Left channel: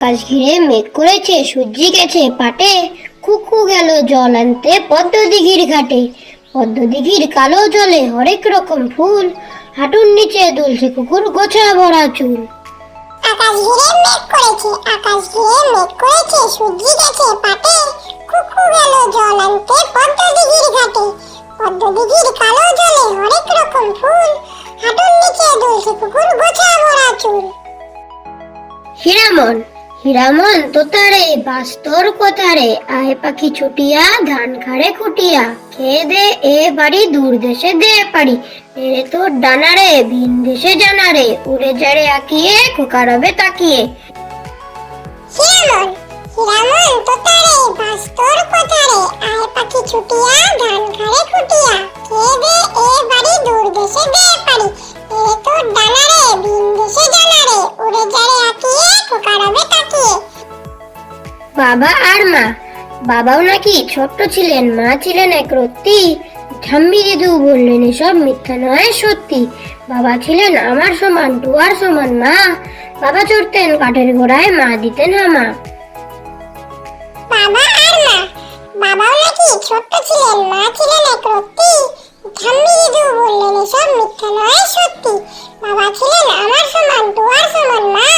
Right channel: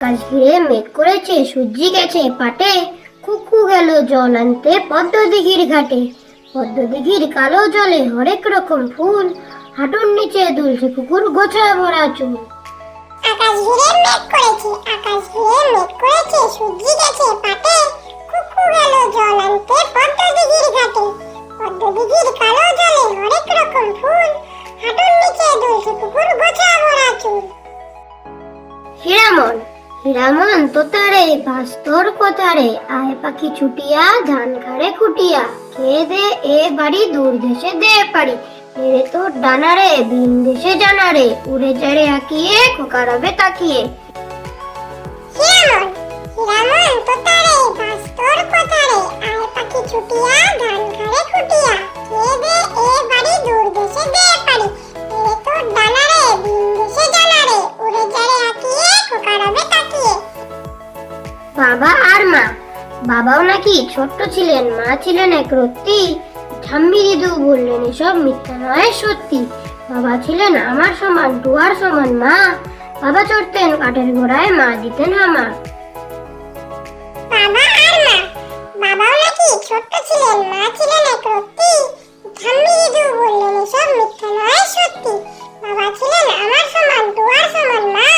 আকাশ ঘিরে মেঘ করেছে, সূর্যি গেছে পাটে, কুকু গেল জল আনতে পদ্ম দিঘির ঘাটে। পদ্ম দিঘির কালো জলে হরেক রকম ফুল, হাঁটুর নিচে দুলছে কুকুর গোছা ভরা চুল। আকাশ ঘিরে মেঘ করেছে, আকাশ ঘিরে মেঘ করেছে, সূর্যি গেছে পাটে, কুকু গেল জল আনতে পদ্ম দিঘির ঘাটে। পদ্ম দিঘির কালো জলে হরেক রকম ফুল, হাঁটুর নিচে দুলছে কুকুর গোছা ভরা চুল। হীরামন হীরামন তোতারে বাস তোর কোথারে, আয় পাখি ছুটিয়া ধান খাড়ে খুটিয়া, খেয়ে দে এ বাড়ি দূর দেশে দে পারি, এরে তোর ডানারে ভিন দেশে জানারে, উড়ে যারে আঁকিয়ে খোকা রবে তাকিয়ে। হীরামন হীরামন তোতারে বাস তোর কোথারে, আয় পাখি ছুটিয়া ধান খাড়ে খুটিয়া, খেয়ে দে এ বাড়ি দূর দেশে দে পারি, এরে তোর ডানারে ভিন দেশে জানারে, উড়ে যারে আঁকিয়ে খোকা রবে তাকিয়ে। বাবা আর মা। বাবাও নাকি ছোট্ট ছিলেন, মা ছিলেন এক রত্তি। ঠাম্মি দিদু বললেন এসব মিথ্যা নয় সত্যি। বাবা ছিলেন আমার সমান, টুয়ার সমান মা। বাবা চড়তেন কাঠের ঘোড়ায়, মা দিতেন হামা। বাবা আর মা। বাবাও নাকি ছোট্ট ছিলেন, মা ছিলেন এক রত্তি। ঠাম্মি দিদু বললেন এসব মিথ্যা নয় সত্যি। বাবা ছিলেন আমার সমান, টুয়ার সমান মা।